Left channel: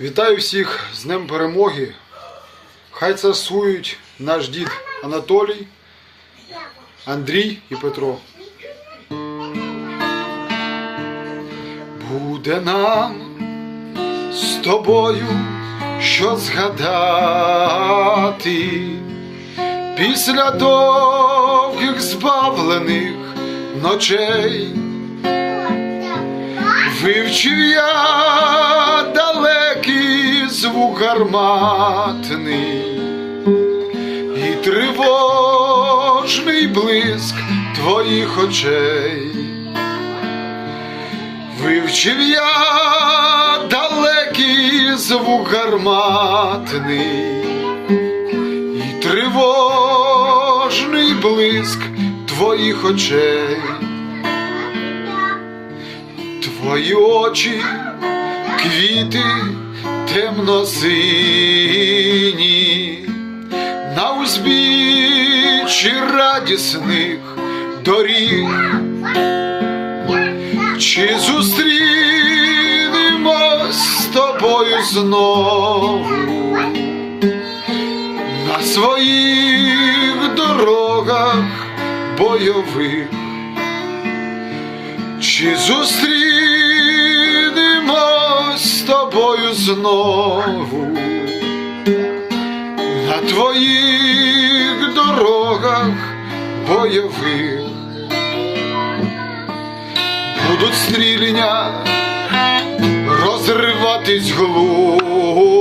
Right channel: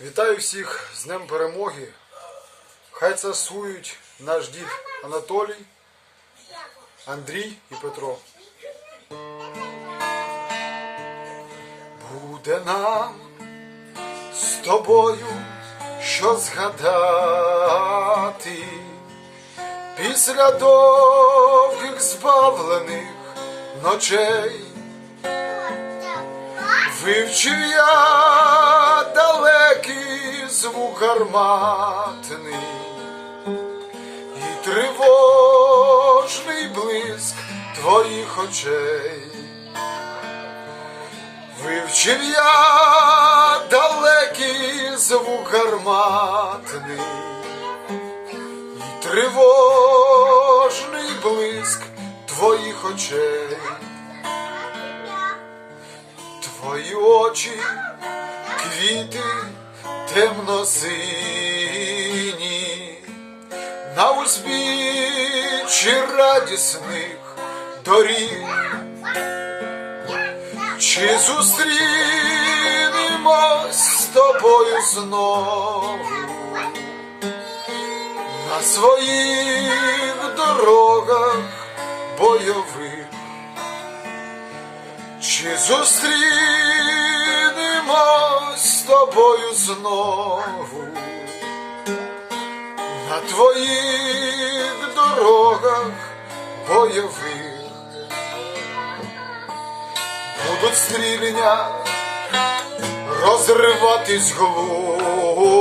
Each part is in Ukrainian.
Вітаю всіх з Днем Перемоги. Хай царсують наш дід Анатолій, Андрій і Петро. Буде нам з тобою що згадати після довгих збавлених ночей. Вивчив я звук гарматний і тривожний блиск твоїх очей. Вивчив я далекий звук гарматний і тривожний блиск твоїх очей. Твої очі, квіти темно-сині, на узбіччі радісних доріг. Чи зустрінемось з тобою знову на своїх дорогах бойових? Чи зустрінемось тобою знову на твоїх дорогах бойових? Будуть стрілення розриватись глухо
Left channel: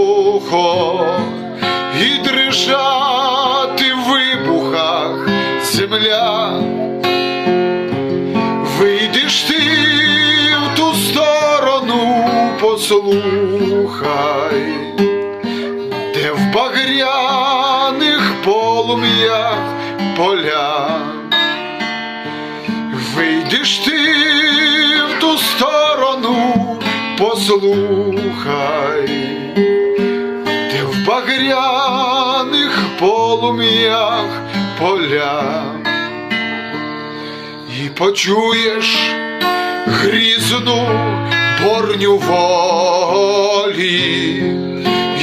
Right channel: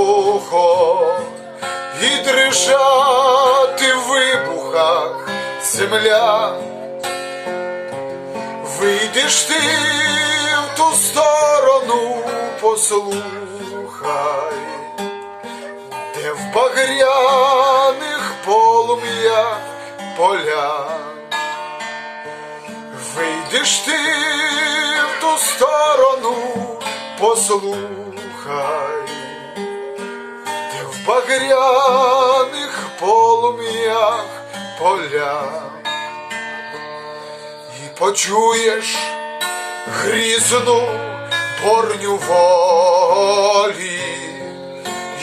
і дрижати в вибухах земля. Послухай, де в багряних полум'ях поля. Вийдеш ти в ту сторону, послухай, де в багряних полум'ях поля і почуєш грізну борню волі,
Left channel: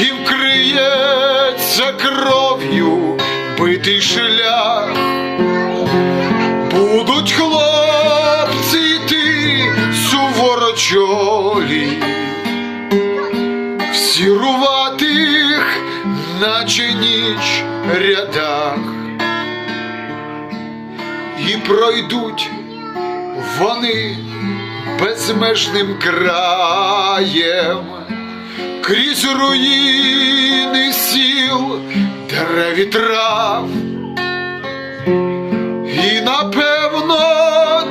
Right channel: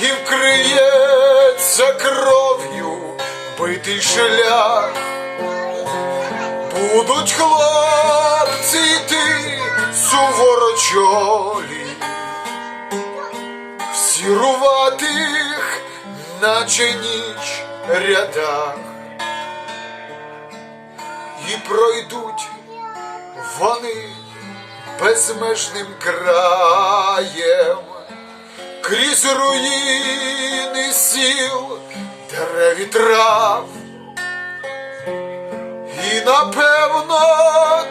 і вкриється кров'ю битий шлях. Будуть хлопці йти суворочолі, в сіруватих, наче ніч рядах. І пройдуть вони безмежним краєм крізь руїни сіл, дерев і трав. І напевно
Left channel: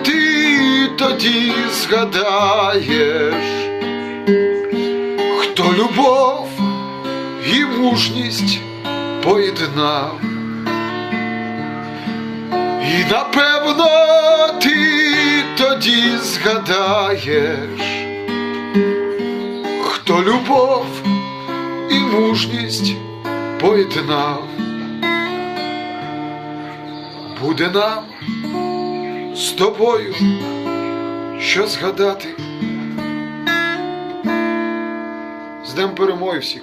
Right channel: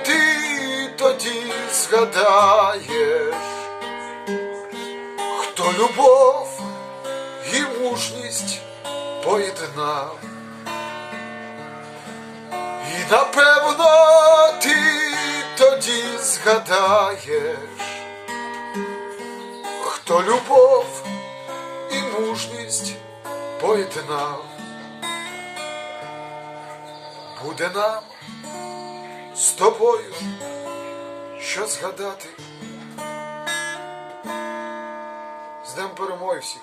ти тоді згадаєш, хто любов і мужність поєднав. І напевно ти тоді згадаєш, хто любов і мужність поєднав. Буде нам з тобою що згадати. З Днем перемоги всіх!